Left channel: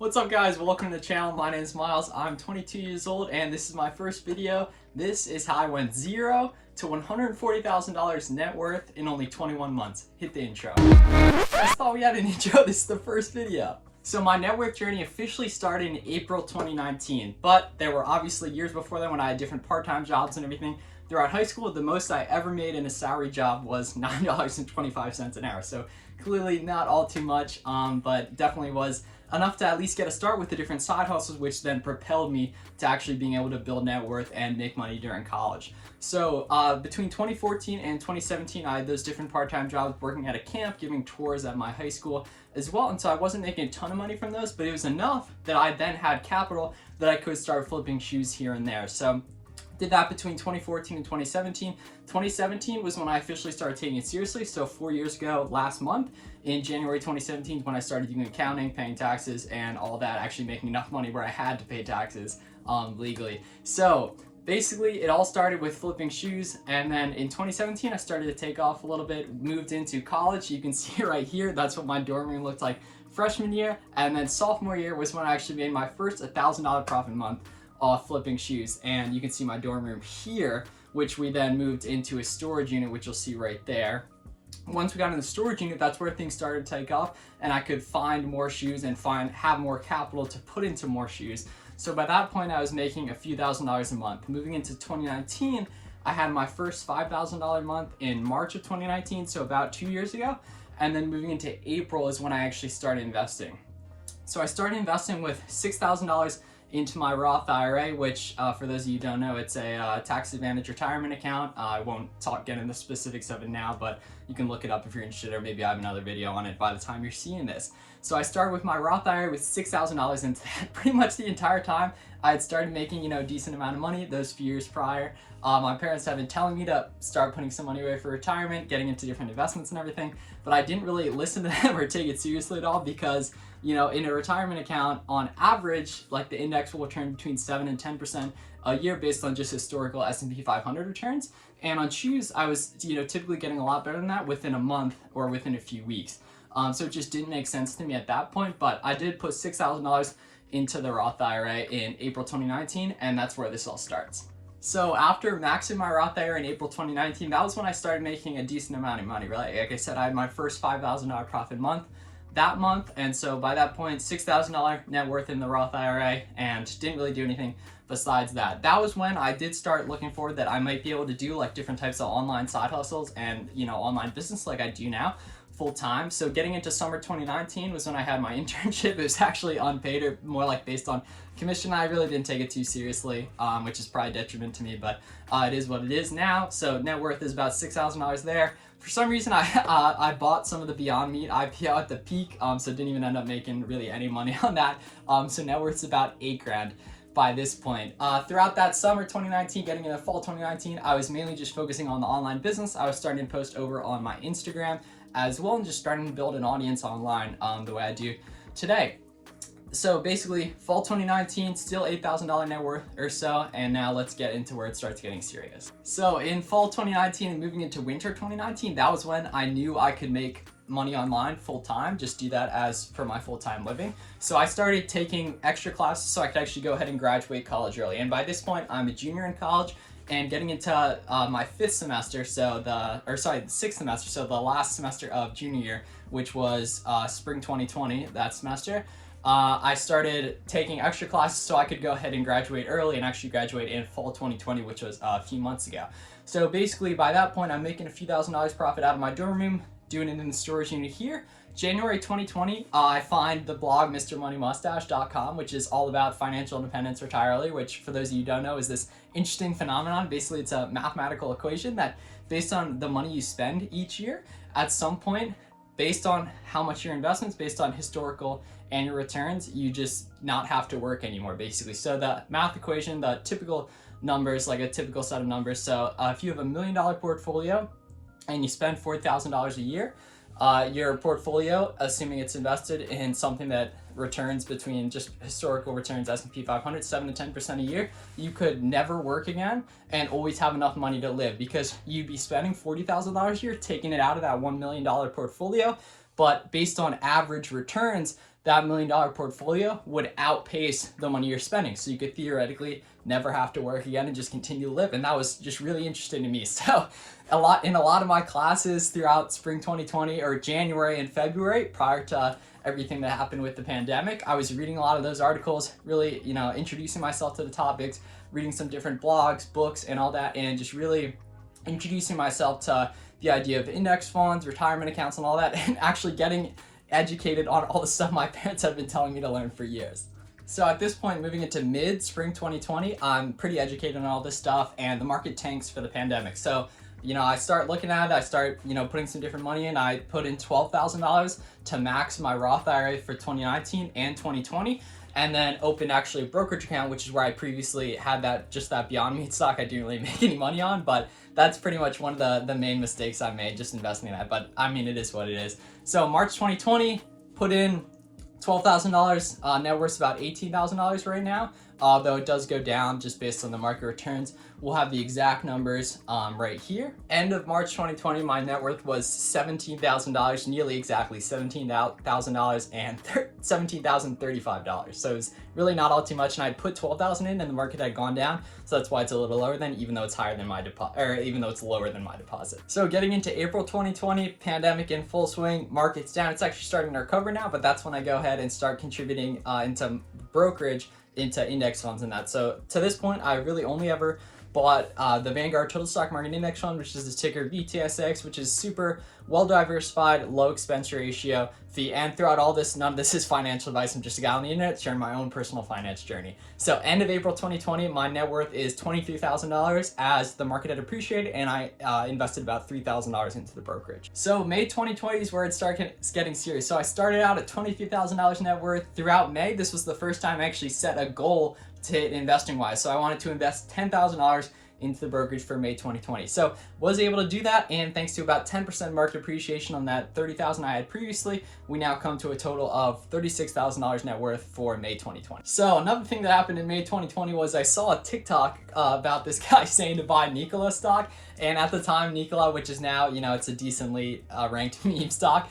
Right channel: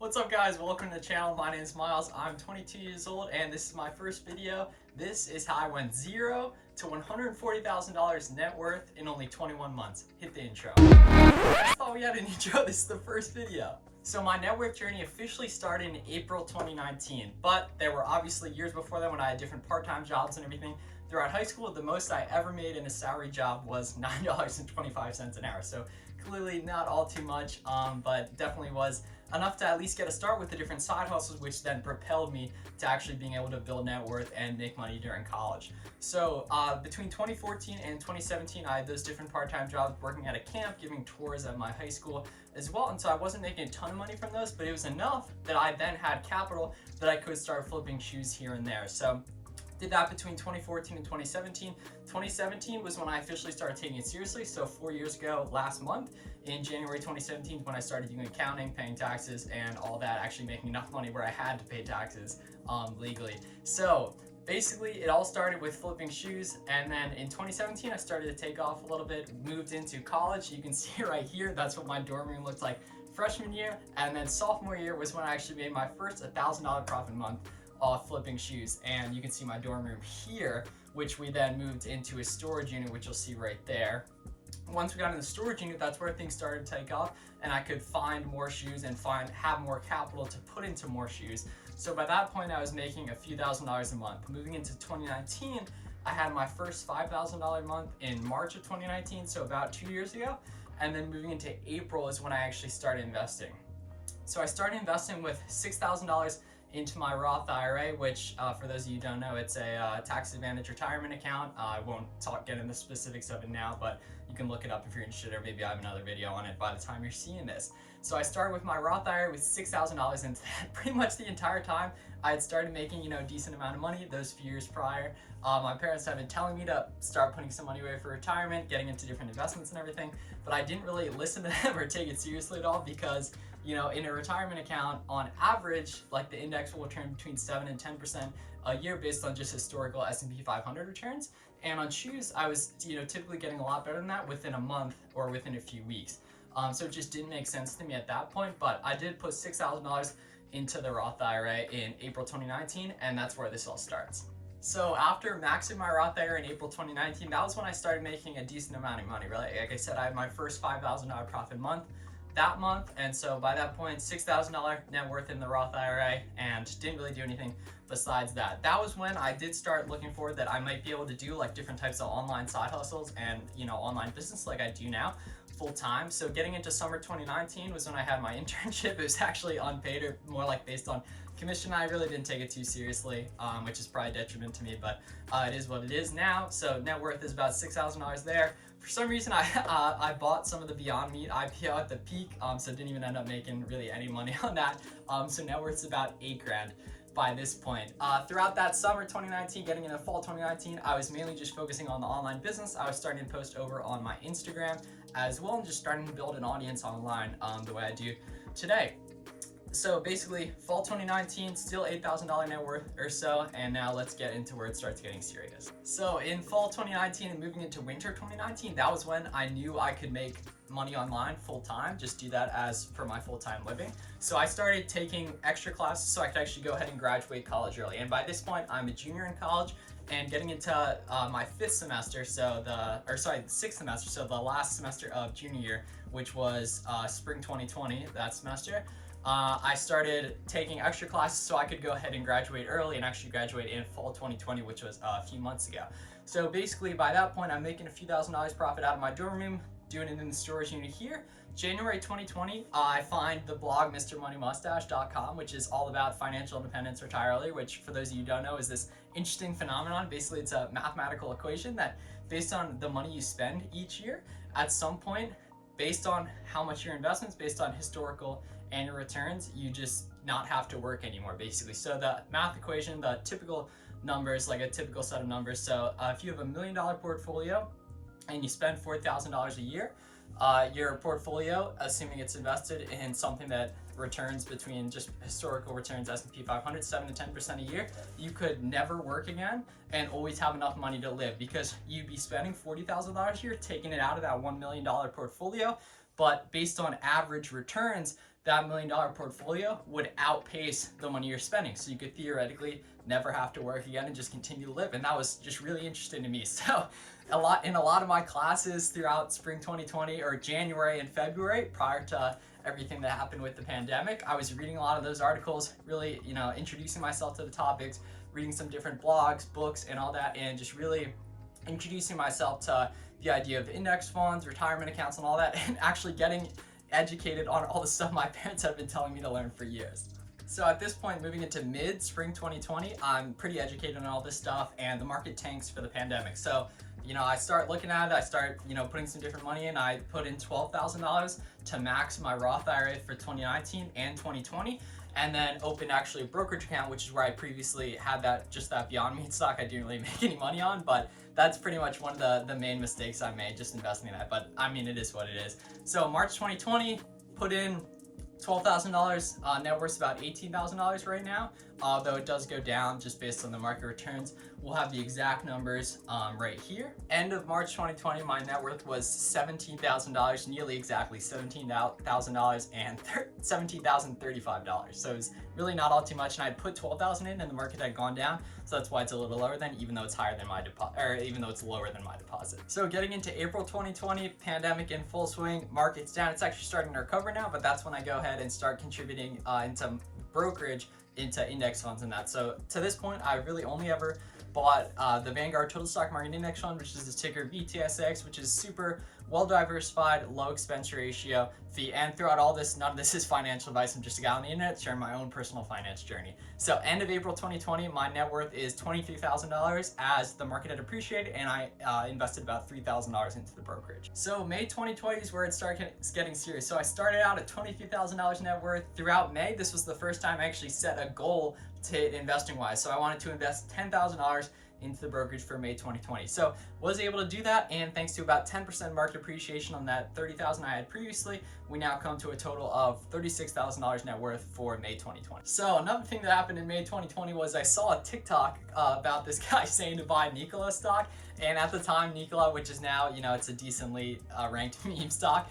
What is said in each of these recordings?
What's up guys, welcome to the channel. My name is Miles. I'm 22 years old and this is my first video. This is how I went zero to $140,000 net worth in only 21 months. Hit the intro. I just thought we had an intro. This is the first video. So my net worth journey officially started in April 2019, but there were obviously years before that when I had different part-time jobs and everything. Throughout high school, the most I ever made in a salary job was $9.25 an hour. So clearly not all too much, but definitely was enough to at least get a start with the different side hustles, which then propelled me to actually being able to build net worth and make money during college. So between 2014 and 2017, I had those different part-time jobs working at a camp, giving tours at my high school as well. And so I wasn't making a ton of money from those, but it was enough that I then had capital that I could start flipping shoes here and there. So did that between 2014 and 2017. 2017 was when I officially started taking it seriously. So 4 years ago, last month, in January 2017, when I started doing accounting, paying taxes, and all that, actually making enough money where I had to pay taxes legally. So basically, it all started with flipping shoes, and then in 2017, I started to take off a little bit, moved into college. You can see right here, that's what my dorm room looked like freshman year, and then sophomore year was when I actually made my first $1,000 profit month off flipping shoes. And you can see my dorm room have, which we then moved into a storage unit, which you'll see right there. Once we got in the storage unit, that's where things started to take off, and I could find more shoes and have more capital to put into more shoes. So by that point, I was making a few $1,000s a month. Moving into 2019, I had my first $5,000 month in March of 2019, so about 2 years ago. And then moving into April is when I actually started investing. So I started investing with $6,000 into my Roth IRA, which for those of you who don't know, it's a tax advantage retirement account. I won't get into the specifics of it now, but you can look it up if you're interested, or maybe I have another video on it by the time you're seeing this. So I started with my Roth IRA with $6,000 into that. Pretty much the entire time I had started making, a decent amount of money those few years prior. My parents have been telling me to start putting some money away for retirement, getting into different investments and everything, but I didn't really listen to them or take it seriously at all because, in a retirement account, on average, like the index will return between 7 and 10% a year based on just historical S&P 500 returns. And on shoes, I was, typically getting a lot better than that within a month or within a few weeks. So it just didn't make sense to me at that point, but I did put $6,000 into the Roth IRA in April 2019, and that's where this all starts. So after maxing my Roth IRA in April 2019, that was when I started making a decent amount of money, right? Like I said, I had my first $5,000 profit month that month, and so by that point, $6,000 net worth in the Roth IRA, and didn't really do anything besides that. That was when I did start looking forward that I might be able to do like different types of online side hustles and online business like I do now full time. So getting into summer 2019 was when I had my internship. It was actually unpaid, or more like based on commission. I really didn't take it too seriously, which is probably a detriment to me, but it is what it is now. So net worth is about $6,000 there. For some reason, I bought some of the Beyond Meat IPO at the peak, so didn't even end up making really any money on that. So net worth is about $8,000 by this point. Throughout that summer 2019, getting into fall 2019, I was mainly just focusing on the online business. I was starting to post over on my Instagram as well, and just starting to build an audience online the way I do today. So basically, fall 2019, still $8,000 net worth or so, and now let's get into where it starts getting serious. So in fall 2019 and moving into winter 2019, that was when I knew I could make money online full-time, just do that as for my full-time living. So I started taking extra classes so I could actually go ahead and graduate college early. And by this point, I'm a junior in college and getting into my the sixth semester, so the last semester of junior year, which was spring 2020, that semester. I started taking extra classes so I could go ahead and graduate early and actually graduate in fall 2020, which was a few months ago. So basically by that point, I'm making a few $1,000s profit out of my dorm room, doing it in the storage unit here. January 2020, I find the blog MrMoneyMustache.com, which is all about financial independence, retire early, which for those of you who don't know is this interesting phenomenon. Basically, it's a mathematical equation that based on the money you spend each year, at some point, based on how much your investments, based on historical annual returns, you just not have to work anymore, basically. So the math equation, the typical numbers, like a typical set of numbers. So if you have $1 million portfolio and you spend $4,000 a year, your portfolio, assuming it's invested in something that returns between just historical returns, S&P 500, 7 to 10% a year, you could never work again and always have enough money to live, because you'd be spending $40,000 a year, taking it out of that $1 million portfolio. But based on average returns, that $1 million portfolio would outpace the money you're spending. So you could theoretically never have to work again and just continue to live. And that was just really interesting to me. So in a lot of my classes throughout spring 2020 or January and February, prior to everything that happened with the pandemic, I was reading a lot of those articles, really, introducing myself to the topics, reading some different blogs, books, and all that, and just really introducing myself to the idea of index funds, retirement accounts, and all that, and actually getting educated on all the stuff my parents have been telling me to learn for years. So at this point, moving into mid-spring 2020, I'm pretty educated on all this stuff, and the market tanks for the pandemic. So, I start looking at it, I start, putting some different money in. I put in $12,000 to max my Roth IRA for 2019 and 2020, and then opened actually a brokerage account, which is where I previously had that Beyond Meat stock I didn't really make any money on, but that's pretty much one of the main mistakes I made, just investing in that. But I mean, it is what it is. So March 2020, put in $12,000, net worth's about $18,000 right now, though it does go down just based on the market returns. We'll have the exact numbers right here. End of March 2020, my net worth was $17,000, nearly exactly $17,000 and $17,035. So it's really not all too much, and I'd put $12,000 in, and the market had gone down, so that's why it's a little lower than, even though it's higher than my deposit, or even though it's lower than my deposit. So getting into April 2020, pandemic in full swing, market's down. It's actually starting to recover now, but that's when I go ahead and start contributing into brokerage, into index funds and that. So to this point, I really only ever bought the Vanguard Total Stock Market Index Fund, which is the ticker VTSX, which is super well diversified, low expense ratio fee. And throughout all this, none of this is financial advice. I'm just a guy on the internet sharing my own personal finance journey. So end of April 2020, my net worth is $23,000 as the market had appreciated, and I invested about $3,000 into the brokerage. So May 2020 is where it started getting serious. So I started out at $23,000 net worth. Throughout May, this was the first time I actually set a goal to hit investing wise. So I wanted to invest $10,000 into the brokerage for May 2020. So was able to do that, and thanks to about 10% market appreciation on that $30,000 I had previously, we now come to a total of $36,000 net worth for May 2020. So another thing that happened in May 2020 was I saw a TikTok about this guy saying to buy Nikola stock, and at the time Nikola, which is now, it's a decently ranked meme stock,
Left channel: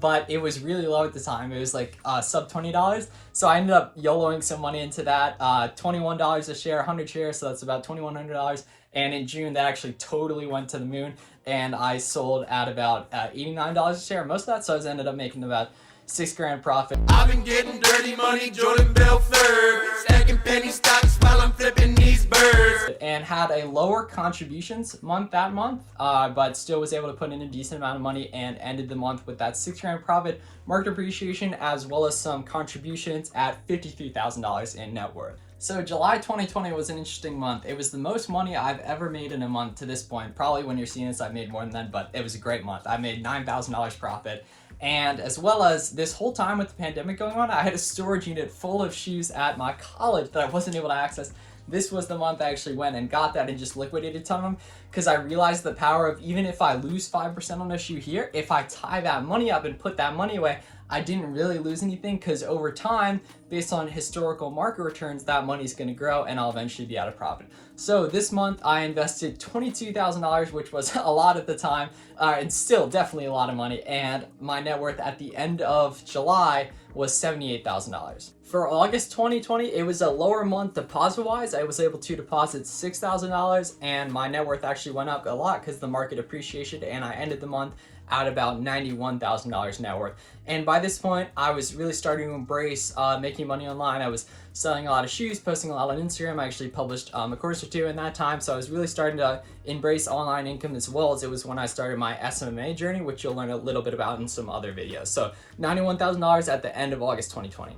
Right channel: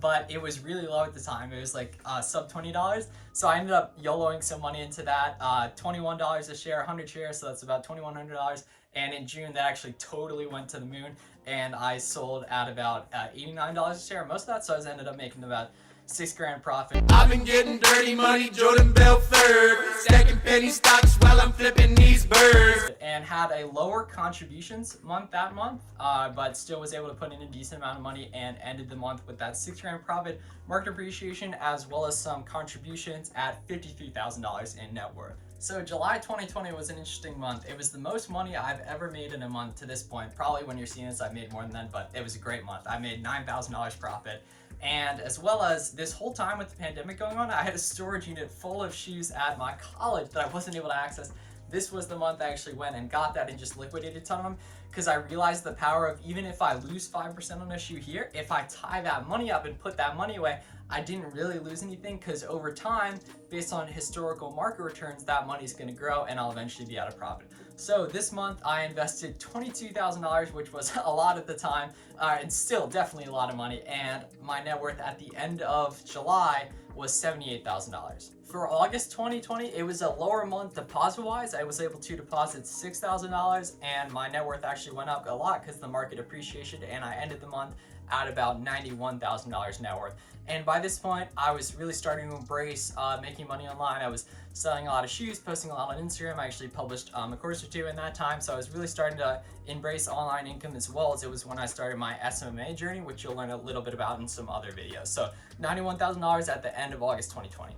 but it was really low at the time. It was like sub $20. So I ended up YOLOing some money into that, $21 a share, 100 shares, so that's about $2,100. And in June, that actually totally went to the moon, and I sold at about $89 a share, most of that, so I ended up making about $6,000 profit. I've been getting dirty money, Jordan Belfort, stacking penny stocks while I'm flipping these birds. And had a lower contributions month that month, but still was able to put in a decent amount of money and ended the month with that $6,000 profit, market appreciation, as well as some contributions at $53,000 in net worth. So July 2020 was an interesting month. It was the most money I've ever made in a month to this point. Probably when you're seeing this, I've made more than that, but it was a great month. I made $9,000 profit. And as well as this whole time with the pandemic going on, I had a storage unit full of shoes at my college that I wasn't able to access. This was the month I actually went and got that and just liquidated a ton of them, because I realized the power of, even if I lose 5% on a shoe here, if I tie that money up and put that money away, I didn't really lose anything, because over time, based on historical market returns, that money is going to grow and I'll eventually be out of profit. So this month I invested $22,000, which was a lot at the time, and still definitely a lot of money, and my net worth at the end of July was $78,000. For August 2020, it was a lower month deposit-wise. I was able to deposit $6,000, and my net worth actually went up a lot because the market appreciated, and I ended the month at about $91,000 net worth. And by this point, I was really starting to embrace making money online. I was selling a lot of shoes, posting a lot on Instagram. I actually published a course or two in that time, so I was really starting to embrace online income, as well as it was when I started my SMA journey, which you'll learn a little bit about in some other videos. So $91,000 at the end of August 2020.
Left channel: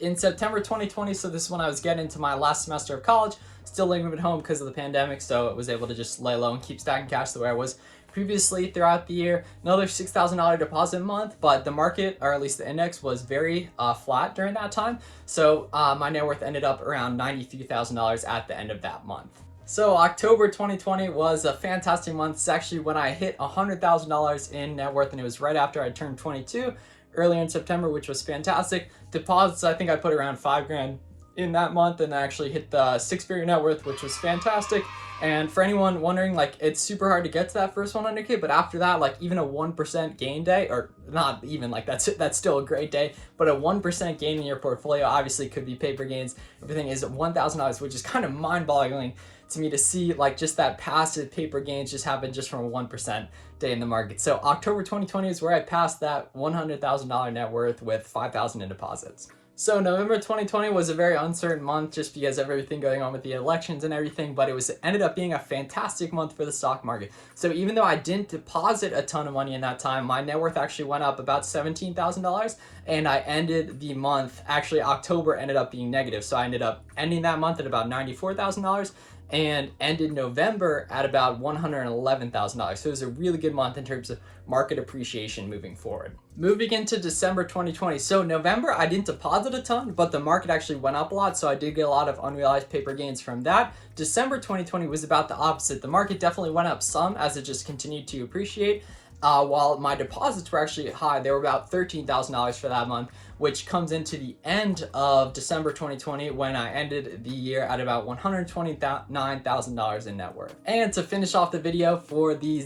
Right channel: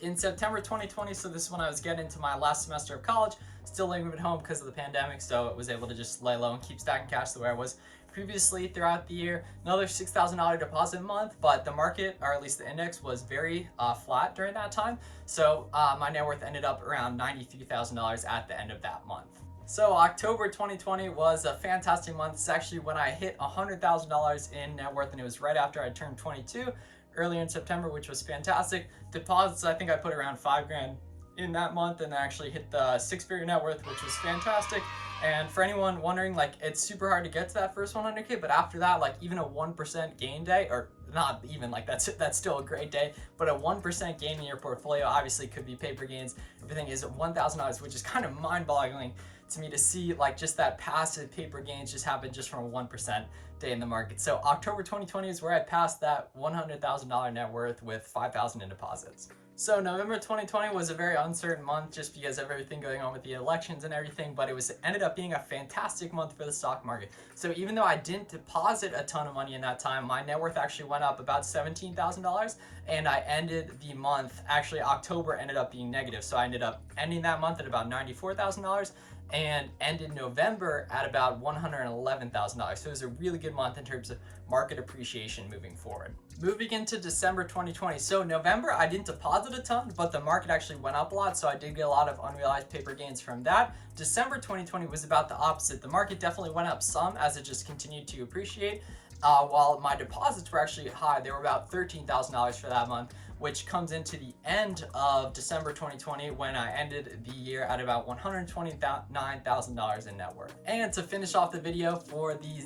In September 2020, so this is when I was getting into my last semester of college, still living at home because of the pandemic, so I was able to just lay low and keep stacking cash the way I was previously throughout the year. Another $6,000 deposit month, but the market, or at least the index, was very flat during that time. So my net worth ended up around $93,000 at the end of that month. So October 2020 was a fantastic month. It's actually when I hit $100,000 in net worth, and it was right after I turned 22. Earlier in September, which was fantastic. Deposits, I think I put around $5,000 in that month, and I actually hit the six-figure net worth, which was fantastic. And for anyone wondering, like, it's super hard to get to that first 100K, but after that, like, even a 1% gain day, or not even like that's still a great day, but a 1% gain in your portfolio obviously could be paper gains. Everything is $1,000, which is kind of mind-boggling to me to see like just that passive paper gains just happen just from a 1% day in the market. So October 2020 is where I passed that $100,000 net worth with $5,000 in deposits. So November 2020 was a very uncertain month just because of everything going on with the elections and everything, but it ended up being a fantastic month for the stock market. So even though I didn't deposit a ton of money in that time, my net worth actually went up about $17,000, and I ended the month, actually October ended up being negative. So I ended up ending that month at about $94,000 and ended November at about $111,000. So it was a really good month in terms of market appreciation moving forward. Moving into December 2020. So November, I didn't deposit a ton, but the market actually went up a lot. So I did get a lot of unrealized paper gains from that. December 2020 was about the opposite. The market definitely went up some as it just continued to appreciate. While my deposits were actually high, they were about $13,000 for that month, which comes into the end of December 2020 when I ended the year at about $129,000 in net worth. And to finish off the video for the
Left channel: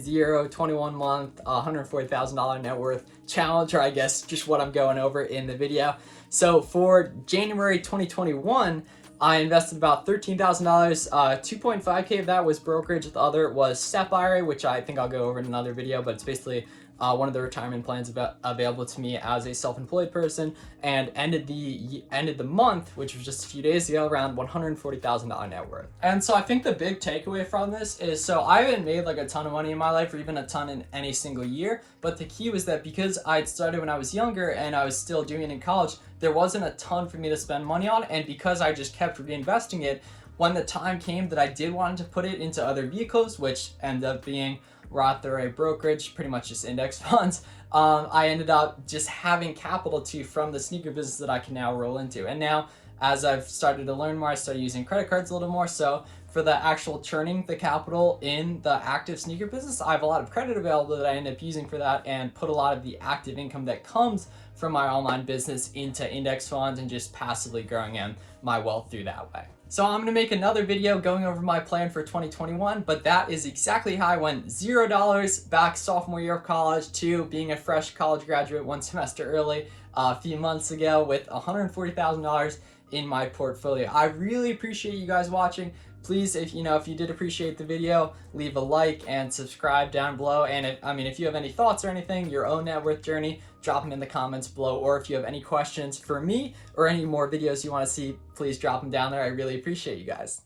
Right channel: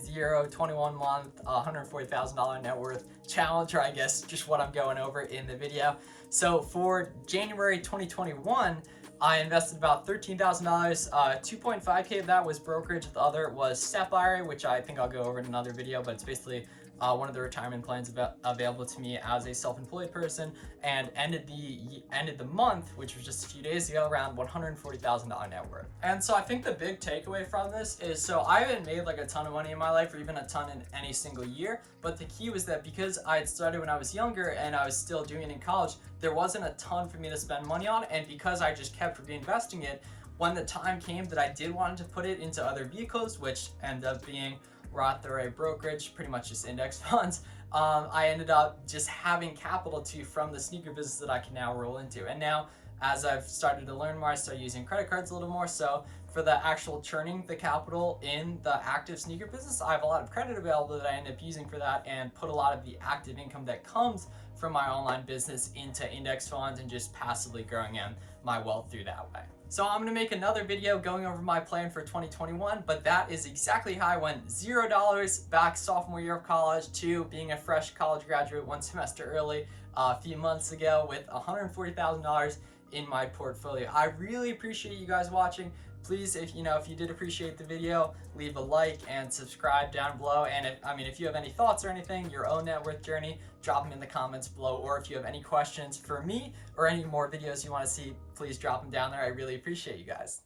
21 month, $140,000 net worth challenge, or I guess just what I'm going over in the video. So for January 2021, I invested about $13,000. 2.5K of that was brokerage. The other was SEP IRA, which I think I'll go over in another video, but it's basically one of the retirement plans available to me as a self-employed person, and ended the month, which was just a few days ago, around $140,000 net worth. And so I think the big takeaway from this is, so I haven't made like a ton of money in my life, or even a ton in any single year, but the key was that because I'd started when I was younger and I was still doing it in college, there wasn't a ton for me to spend money on, and because I just kept reinvesting it, when the time came that I did want to put it into other vehicles, which ended up being Roth IRA, brokerage, pretty much just index funds, I ended up just having capital from the sneaker business that I can now roll into. And now, as I've started to learn more, I started using credit cards a little more. So for the actual churning the capital in the active sneaker business, I have a lot of credit available that I end up using for that, and put a lot of the active income that comes from my online business into index funds and just passively growing in my wealth through that way. So I'm gonna make another video going over my plan for 2021, but that is exactly how I went $0 back sophomore year of college to being a fresh college graduate 1 semester early a few months ago with $140,000 in my portfolio. I really appreciate you guys watching. Please, if you did appreciate the video, leave a like and subscribe down below. And if you have any thoughts or anything, your own net worth journey, drop them in the comments below. Or if you have any questions for me or any more videos you want to see, please drop them down there. I really appreciate you guys.